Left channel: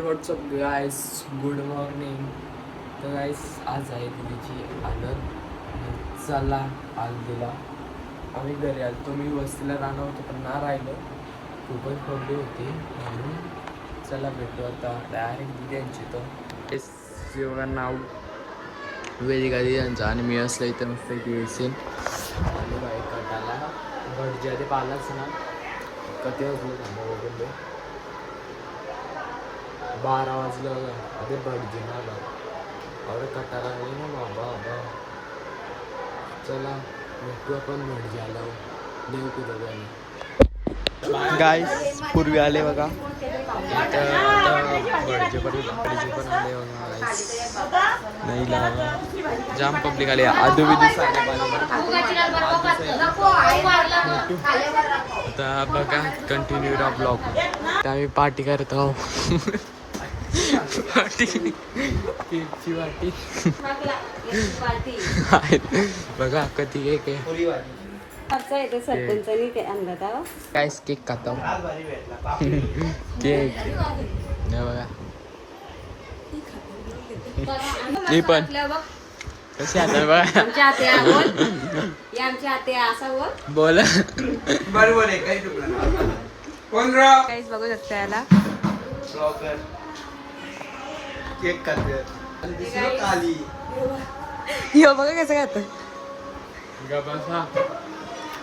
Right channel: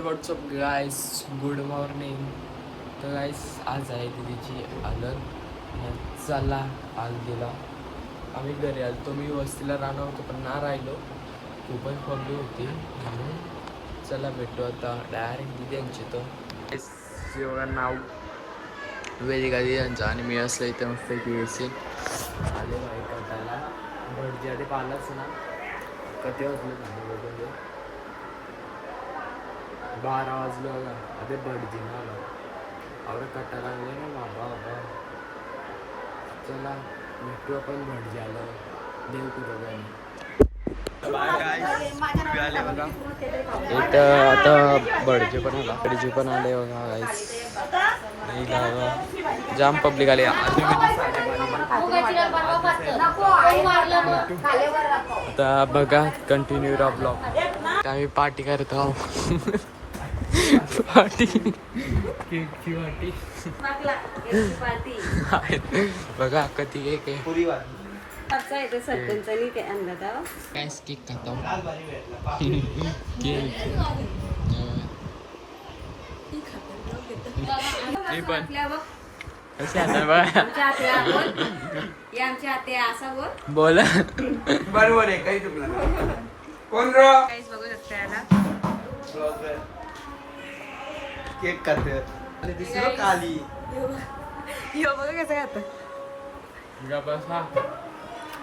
What's up guys good morning तर guys आज आहे दिदीची आनंद चला आज गेला. आम्ही घरी आलो. मी वस्तीला राहणार होतो पण ना राहिलो. खूपच प्रॉब्लेम होती म्हणून चला भेटू आता. डायरेक्ट दिदी यांची तर. एवढा नाव. वेदिका यांचा आणि मी असलं इथं मस्त की येशील आले बाई कटाला. भटजी आधी पाहिलाच ना. कधी वाजलं? त्यांना बघून दे बारा वाजलं होता अरे भटजी ना आला आवडे कटाला लागले ना बाबा बाबा। चला भेटू आपण भटजी आल्यावर देऊ तुझं जाईल गाईस पूर्वी आले बघा। इथं आता बडजे पण आला। बडजे पण आले बघा गाईस नाही लागा जाम पब्लिक आले. आजू बिजू आले आता बघा कंटिन्यू रा ब्लॉग तर आम्ही पार्टी करत आहोत. पार्टी. बघा कधी एक आहे काय? केक खातो. केक हे बघा. मी पण. कशी आता बघा? बोल. काहीच बघू शकता याला. यो बघा कसं खात. बसा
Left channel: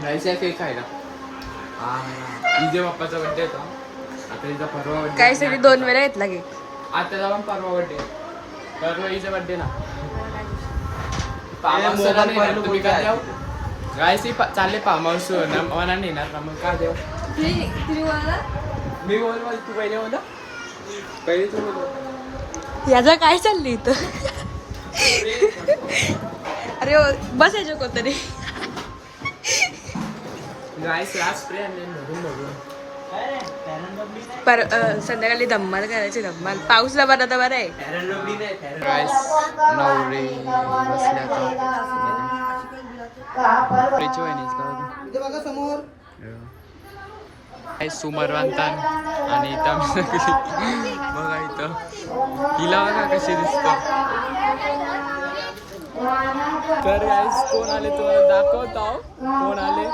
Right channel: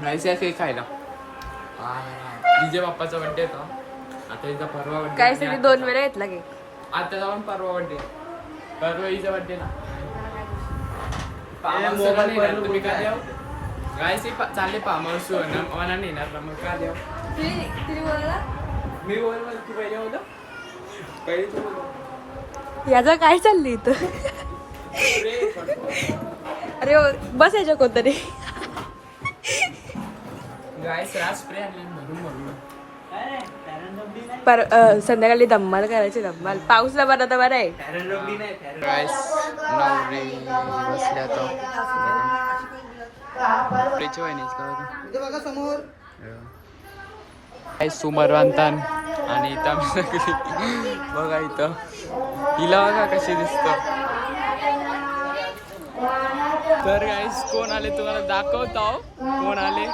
राईस या केक ना इजे बाप्पाचा बड्डे होता. आता इजा परवा बड्डे काही सगळी दोन वेळा घेतला की आता जाऊन परवा बड्डे परवा इजा बड्डे ना. गायस चालले फार्म हाऊस मला नेणार का? मग काय देऊ? मी बोल बोल तू पहिले बोल. पहिले तू बोल याचं काय चाललंय इथं? अरे हो, बस याच्या कोणतरी पर संध्याकाळी धम्माल करायची धम्माल. पाऊसला बरा तर बरं आहे. नवरे आता प्रेची वहिनीच का होतं? काय सुमरवंतन आणि इथं बघा इथं. हिला बघा कशी दिसत. तर गाईस कोण आले तुम्हाला दाखवतो. कोण आले?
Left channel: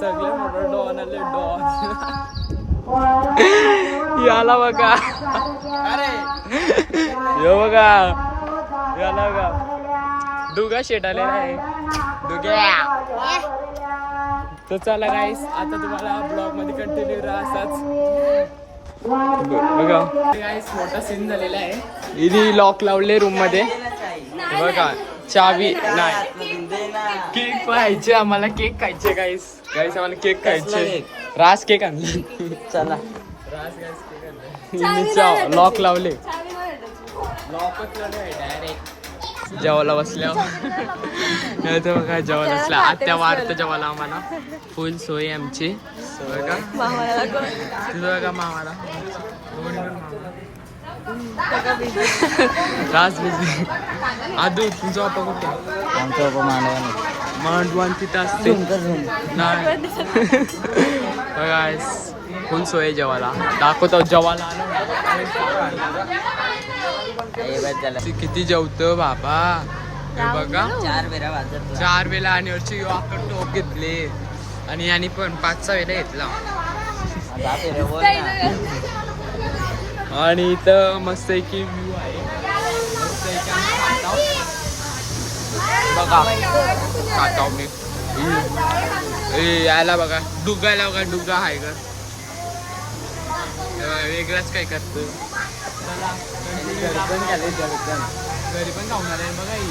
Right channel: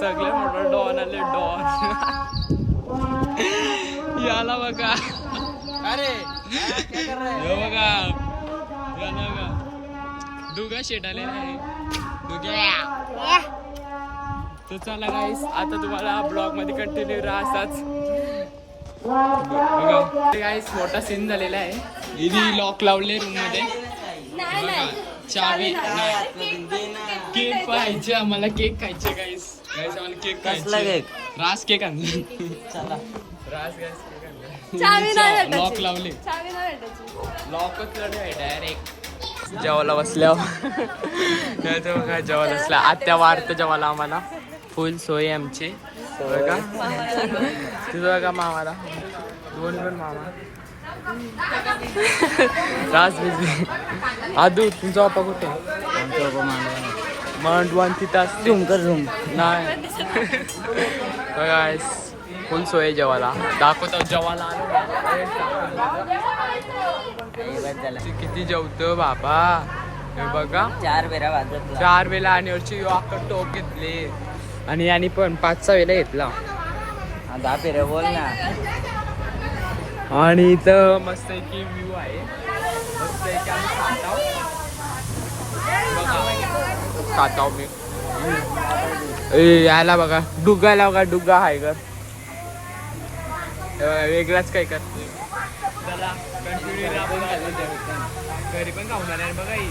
सगळे मोठं डॉन आले डॉन. याला बघा. अरे. यो बघा. याला बघा. डुगा शेट आलेला आहे. डुग्या. तर चला गाईस आता तुम्हाला ब्लॉगमध्ये कंटिन्यू राहा असाच बघा गाईस मोठा सीन झालेला आहे. इथे लॉक लावले रूममध्ये. बघा चावी नाही. केक पाहायचे आम्हाला केक खायचे गाईस गाईस आम्हाला केक खायचे. राज केक आणले. चला. राज गाईस केक आणले. लॉक लावले. लॉकच लावले डायरेक्ट जेवायला बसल्यावर. नाही तर बघा जेवायला बसल्या. आत्या वारतं जेवायला आम्हाला. फुल सोय आमची. बघा तिथं बघा मामाला? दोन्ही पण मामा. राज बिझी आदू तुमचा बाप्पा कुठे? आमचा बाबा मानवाने मांडवान तिथं असते नाही. बघा फुल सोय जेवायला. दाखवतो जेवायला आलो. किती जेवतो बाबा. हे बघा. चार वेळा आणि वरची यो टोप घेतले. आणि यांनी पण पाच सहा वेळेला घेतला. आणि इथं मस्त एक व्ह्यू आहे. मस्त एक आम्ही खाताव. बघा. खाताव मी. याला बघा. डुगाला बघा. डुग्गा आहे गर वेगळाच काय करतो चला घरी पण खावणार आहे बघा ही.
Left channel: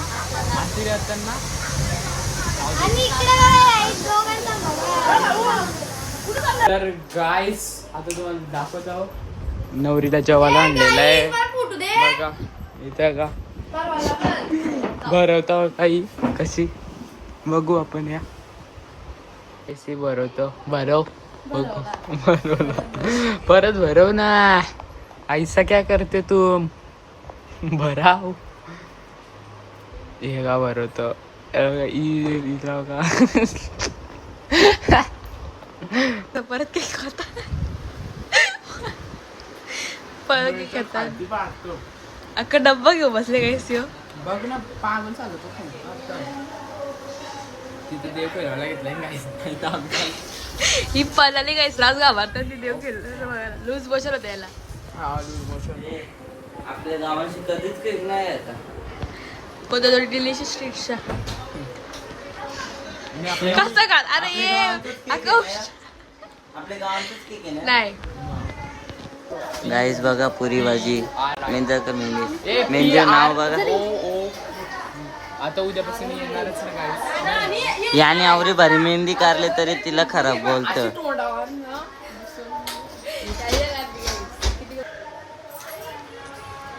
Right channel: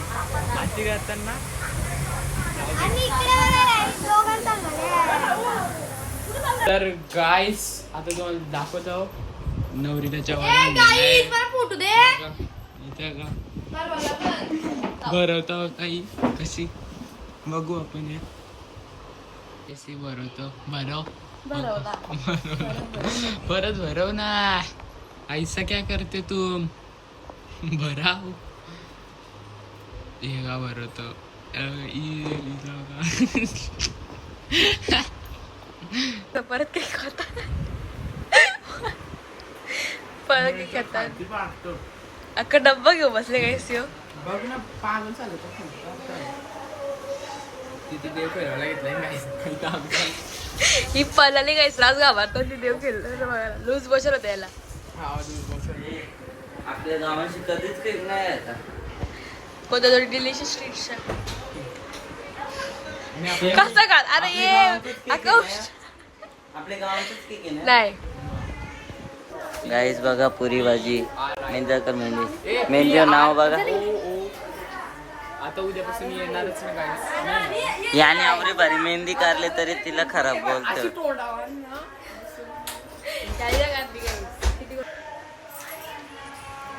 अशी राहताना. तर गायस आता तुम्हाला दाखवत. आहो नवरीला जेवायला आणलेलं आहे. बघा इथं का? भरवता काही कशी? बघू आपण या. कशी भरवतो? भरव. परत भरव ना ऐसा क्या करते तू भराव. हे का भरवतो? इला का परत काही खाता पळगी खेळतात अख्खा डब्बा घेऊ बसले काय सिओ बघ ना पागल चालू तिथे देव काही काम चालू ही पळाली काय राज घाबरतात ती देव खेळलं लूज बसल होता याला हा दूर बसून आपल्या गावाशी कधीच केक नाही आता कोणत्या कसं अरे ये. नाही. गाईस बघा पुरी भाजी. मेंदरकर मेहंदी मेहंदीचं नाव बघा. आता उद्यापासून येणारच ना काही याने आवरी भारी मेहंदी काढले तरी तिला खराब बोलत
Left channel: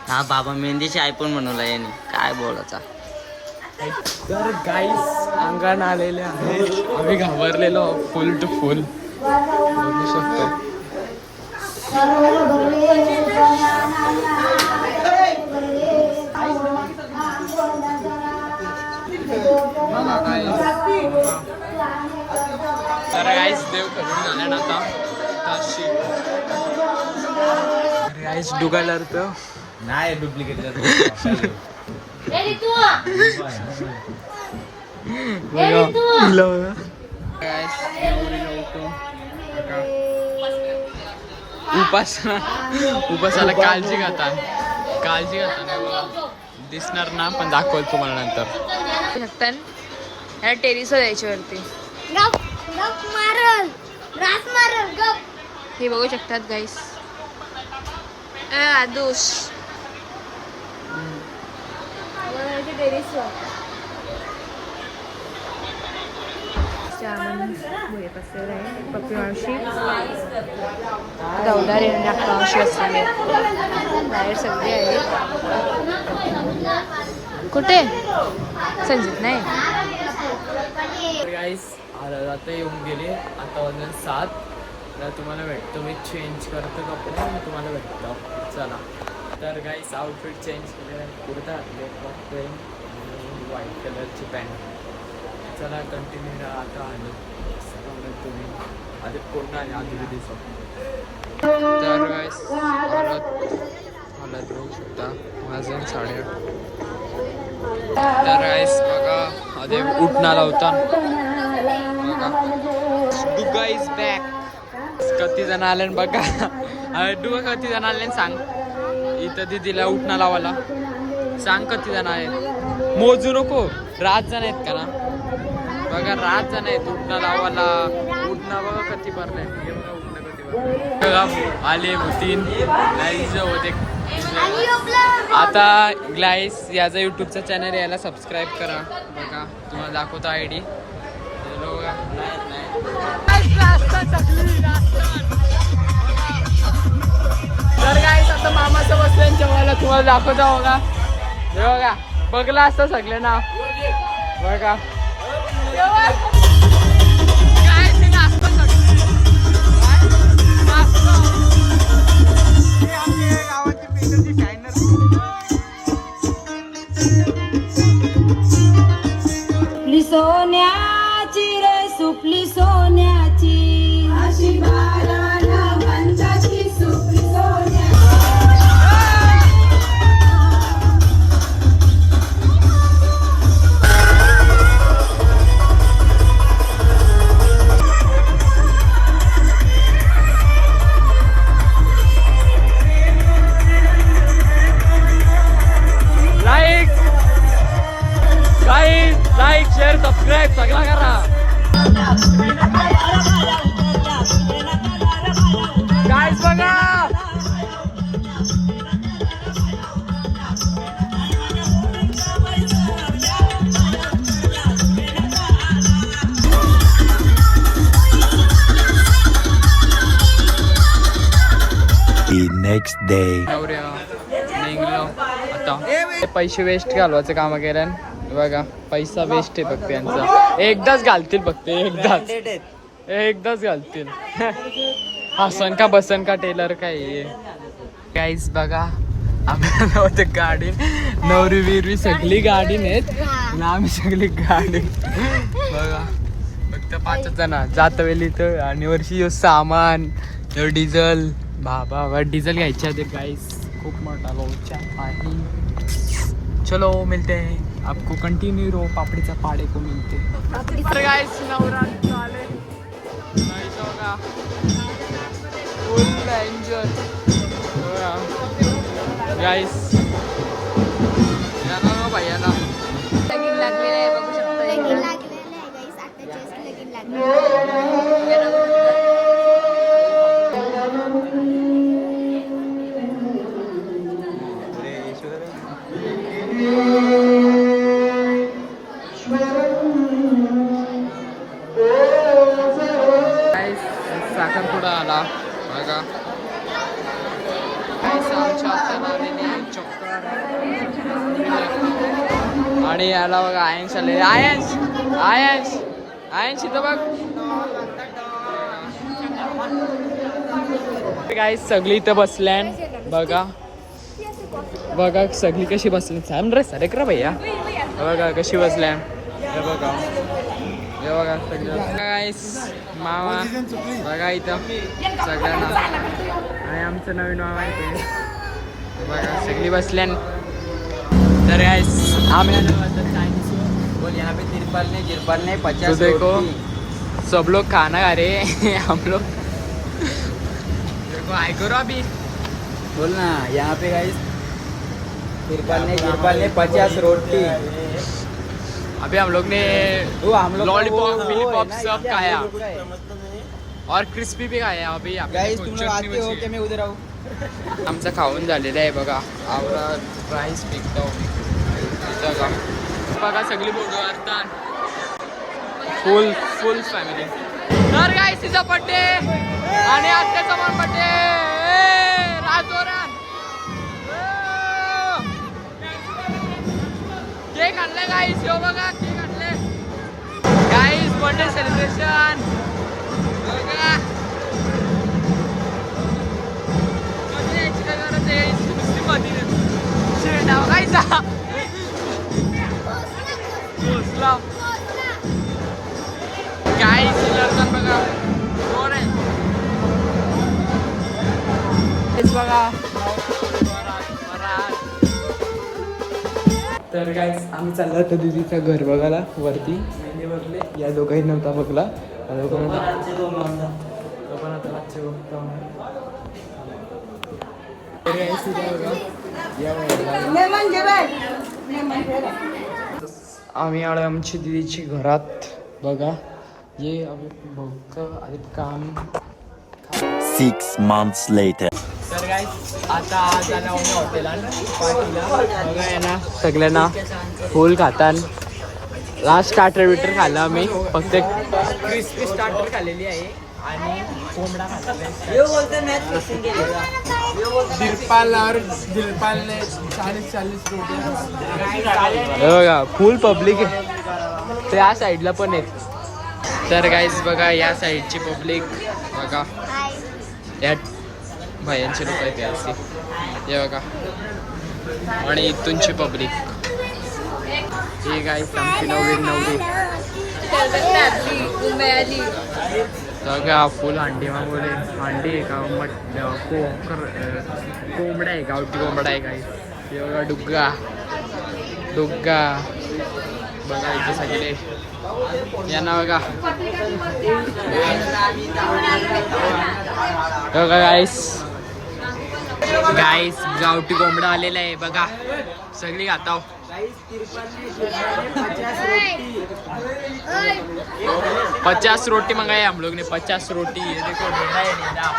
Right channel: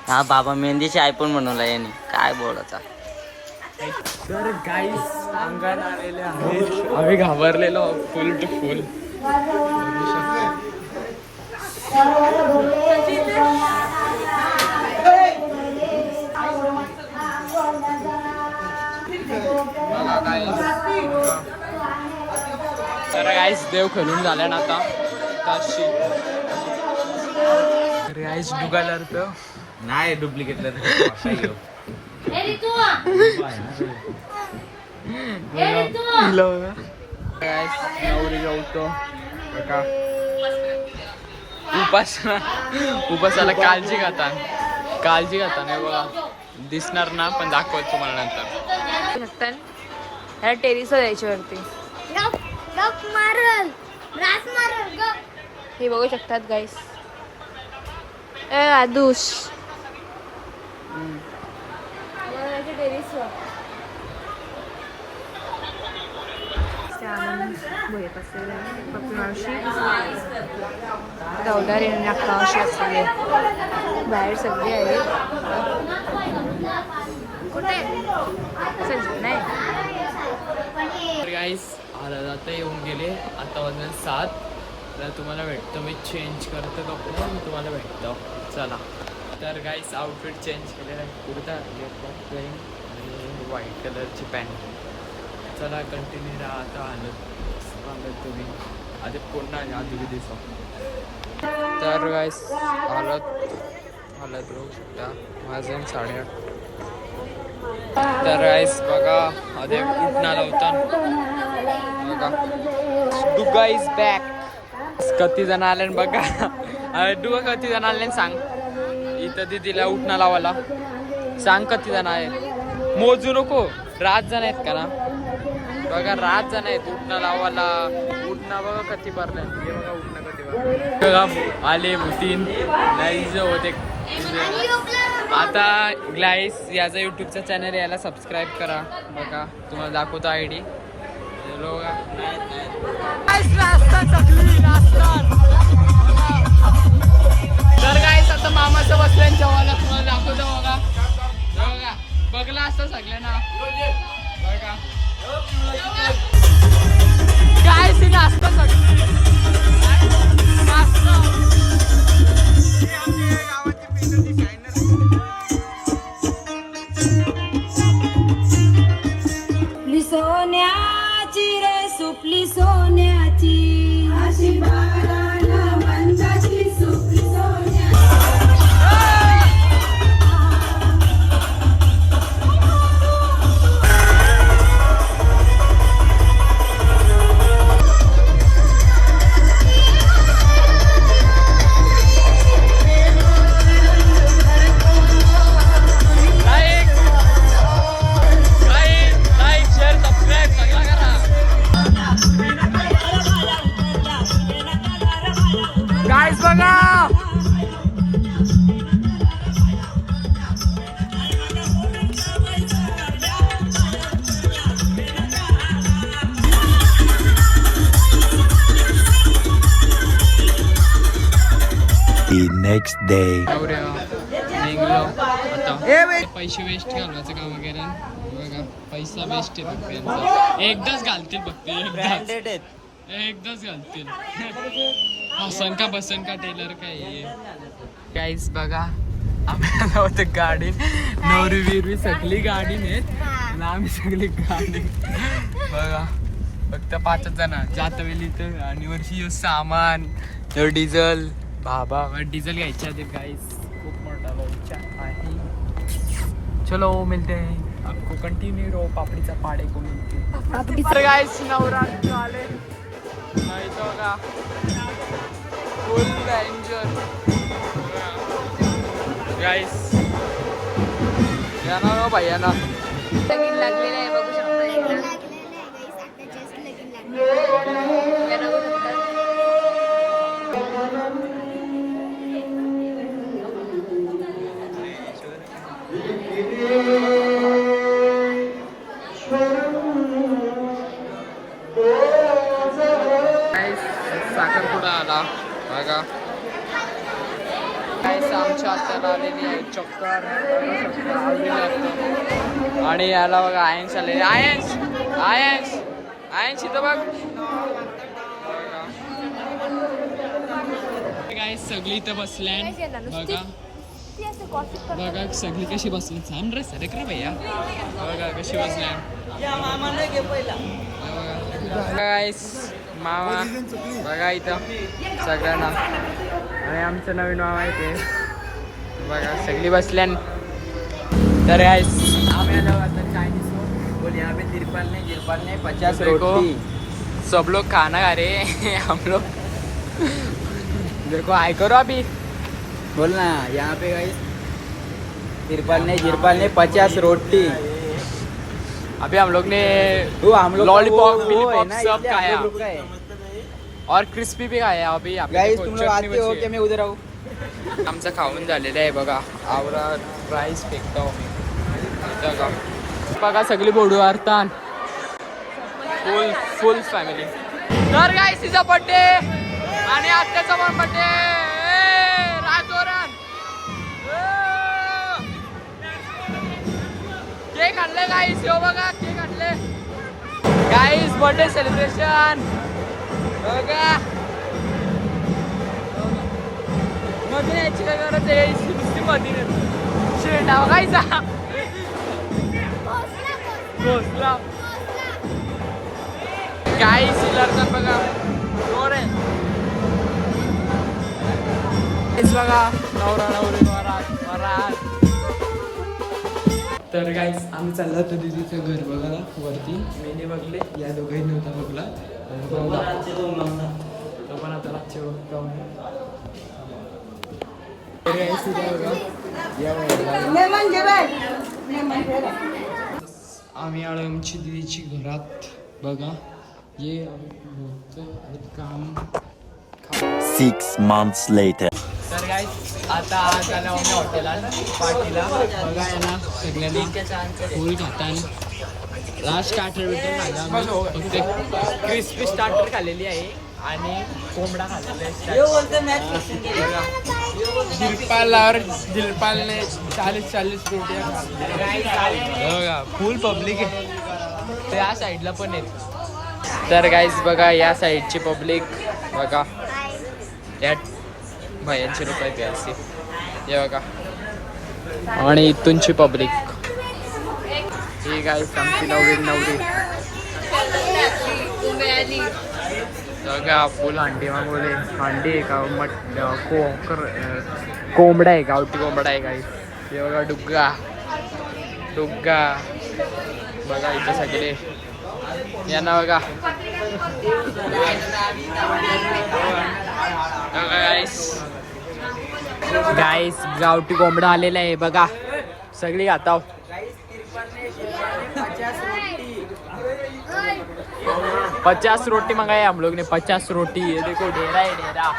हा बाबा मेहंदीची आयफोन बनवला याने. काय बोलायचा? तर गाईस अंगण आलेले आहे. आम्ही घाबरलेलो फुल टू फुल बोलू शकतो. तर गाईस देव खेळून झाल्या ना आता. काशी तर गाईस डुगालर तर नाही डुप्लिकेट उपासना. उपासाला काळजी घाता. काळजी घाता नाही बघा. दिसणार ना पण दाखवल तुम्हाला नंतर. शकतात याला टेरिसवर द्यायच्या वरती. हे बघू शकतात गाईस आदूस असलेली. आहे. बाहेर सगळी आहेत. कुठे? संजित नाही. गाईस आता येऊन गेले. आता वाजले सात. तर तुम्हाला भेटतो. मी चेंज करतो कपडे तुम्हाला भेटतो. चला. तर गाईस आउटफिट चेंज केलेलं आहे. कुर्ता बघतोय आणि व्हाईट कलरची पॅन्ट चला कंटिन्यू राहा. आता आलो. सांगत तुम्ही. आधी पुन्हा आधी दिसो तर गाईस हालत हालत राहू शकता. माझे साडेआठ तर गाईस बघा आधी उठणारा होता. बघा. डुगा इज बॅक कती जण आले बघा. डुगा किती जण आले सांग. इथं दिदीला उठणं लावायला. सांग किती जण आहे मोजू नको. रात जण आहेत का ना? बघा रात जण आहेत उठणं लावायला. उठणं बघा कधी भरलंय. हे बघा उठणं कधी बघा आले तीन नाही होते आता ग्लाईस याचा युट्यूबचा चॅनल याला सबस्क्राईब करा. बघा तुम्हाला दाखवतो आय डी बघा. तुम्हाला दाखवता हो बघा हे बघा बघला असतं सगळे ना बघा. काय ते नाचतं सगळे? नाचतं. हे next निघलो. आता पैसे वेस्ट घालवायचं काम केलं बघा पैसा वेस्ट आहे फक्त यांचा. एकदाच घालतील फक्त एकदाच. एकदाच घालतील. हसन का बसन का टेलर काय काहीच बघा. आपल्याला होतं गाडी नवरी विरवी सगळी गाडी नाहीत आम्ही सगळी गाडी. बघा. फक्त पाचच जण. जात वेळी तर आणि वर्षी सामान डिझल. बाबा बाबा डिझेल घ्यायच्या आधी गाईस खूप मोठा भाऊचा आहे चलो मिलते हैं। आपको कंटिन्यू रो पापड़ीचा पाड़े को मिलते तर गाईस नवरात्र आले नाही तो का फुल एन्जॉय गाईस या ना रो भाई ना लगीन लागलेलं आहे बघू शकता लगीन. लागलेलं आहे guys. आताच्याच लगीन लागलेलं या साखरपुडा आला. बघा गाईस आमच्या हाताला आलेली आहे चक्कर. बघू शकता, आवडीला. आणि याला बघा आयन्स आले आयन्स आयन्स आयन्स इथं बघ. गाईस सगळी इथं बसल्यान बघा. बघा सगळी कशी बसली. सांग रे सरे करा भैया. बघा कशी बसल्या बघा. बघा मामा बघा इथं सगळ्यांना. आणि आमचं नवीन बघा सगळी बसल्यान. तर आलो बोल यहाँ पे तिरपल ने तिरपल ने पचास तो देखो. सब लोग खाना खा रहे हम लोग. देखो हाय करो अभी. बोल ना यहाँ पे गाइस तिरपल ने तिरपल ने पचास रोटी. अभी हम लोग ने लॉलीपॉप है ना, सब खाया। और क्रिस्पी भी खाया अभी हो। आमचं खाऊन झालेलं आहे बघा आवरा राईस फेकतो मी का बघा. सगळी बोडू आरता फुल फुल फॅमिली तर काय तिचा बड्डे आणि आत्याचा पण बड्डे राजोरण केक आणले काही शो बघा केक आणले गाईस बर्थडे सेलिब्रेशन बघा शेंडा बघायचा. घोसला गाई सिलर पण बघा. रोड आहे. तर गाईस आम्ही चाललो होतो दिदीचं घर बघायला वरती. मेने बघले. या दोघांनी नव्हता बघला. तो पण आता रातचे बघतो. आम्ही. आलो आमची दिदीची घरात. बघा. ये आम्ही बघतो आणि काम. Six months later. तर काय आता आज आलो आम्ही हॉटेलात पार्टीला. बघा आहे ना सगळ्यांना फुल खातान. लास्ट स्टार्टर बिटर खाल्ला आम्ही. फक्त क्रिस्पी स्टार्टर खाल्लेली आहे. आणि कोंबडा दिलपालवर दिलपालने चाळीस चाळीस रोटी बघा फुल पब्लिक आहे. त्या साईडला पण आहे तर गाईज बघा या साईडची पब्लिक बघा. या भायांची लोक आहेत गाईज ती. हे बघा. आणि इथूनची पब्लिक ही गाईस आमची नवीन नवरी. बघा फुल हांडी मागवले. हांडी आहे का? मट कोकर कोंबडा आहे गावठी कोंबडा आहे काही हे बघा डुग्गा. डुग्गा. बघा इथं सगळे. यांना बघा. बघा गाईस गाईस गावठी कोंबडा आलेला आहे बघा. सगळी खाताव. पचास रोटी मंगाई हम लोग ने पचास रोटी. ये देखो ढेरा है ढेरा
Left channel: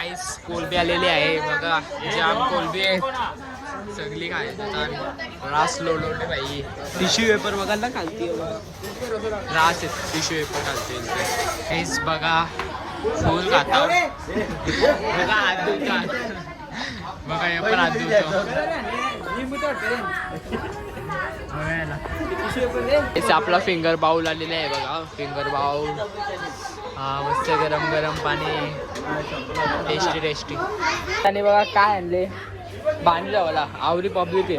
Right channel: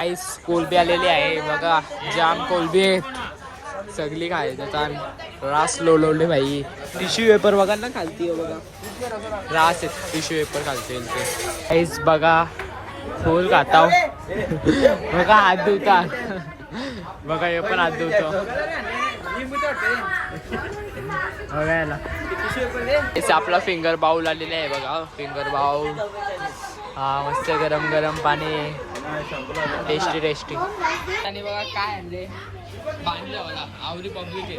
आईस कोलबी आलेली आहे बघा. जाम कोलबी. सगळी काय त्याचा रास लोलवले भाई. टिश्यू पेपर बघा ना खालती आहे बघा. रास आहे टिश्यू पेपर खालते आईस बघा. फुल खाता. बघा हात धुता बघा हे पण हात धुतो बघायला. आपला फिंगर बाउल आलेला आहे बघा. फिंगर बाउल हा मस्त गरम गरम पाणी. टेस्टी टेस्टी आणि बघा काय आणले? बांधलं मला. आवरी पब्लिक आहे.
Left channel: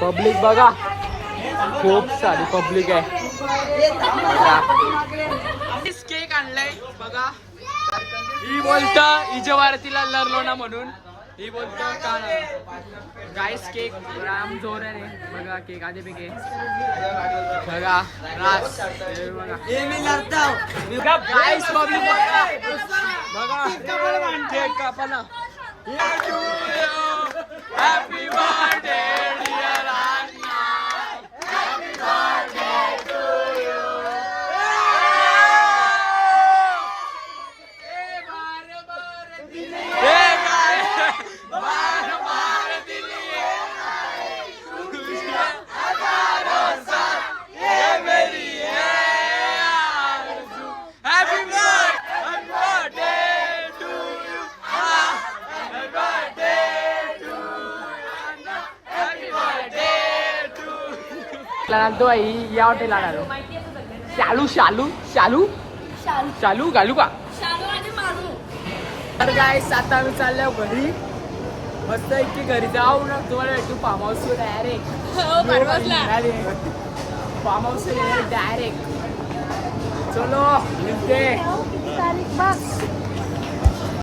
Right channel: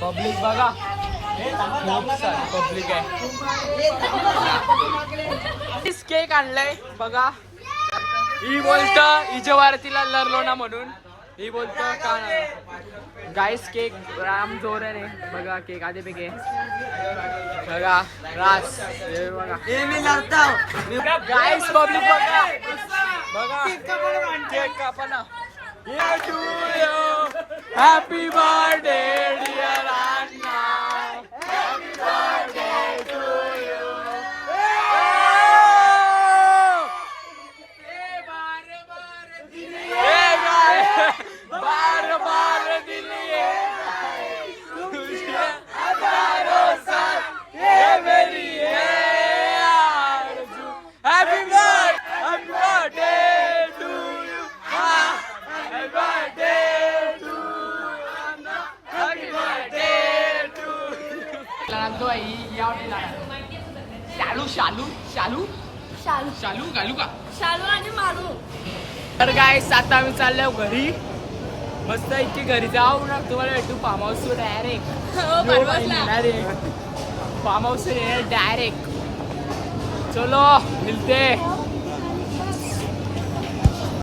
पब्लिक बघा. खूप सारी पब्लिक आहे. केक आणलाय बघा. ही बोलत इजवारतीला लरलो ना म्हणून. ही बोलत का गाईस केक राम जोराने बघा केक आधी पैकी बघा रास. बघा. गाईस पब्लिक बघा. बघा. Cake कापाला happy birthday dear Anna happy birthday to you ए गाय बार बार दिली तुझे हजारों साल ये मेरी है आरज़ू happy birthday happy birthday to you happy birthday to happy birthday to तो या हॉटेल शालू शालू शालू? शालू. घालू का? तर काय आता आम्ही चाललो घरी. मस्त इतकी घरी जाऊ ना. तुम्हाला भेटू farm house direct farm house direct चलो मिलते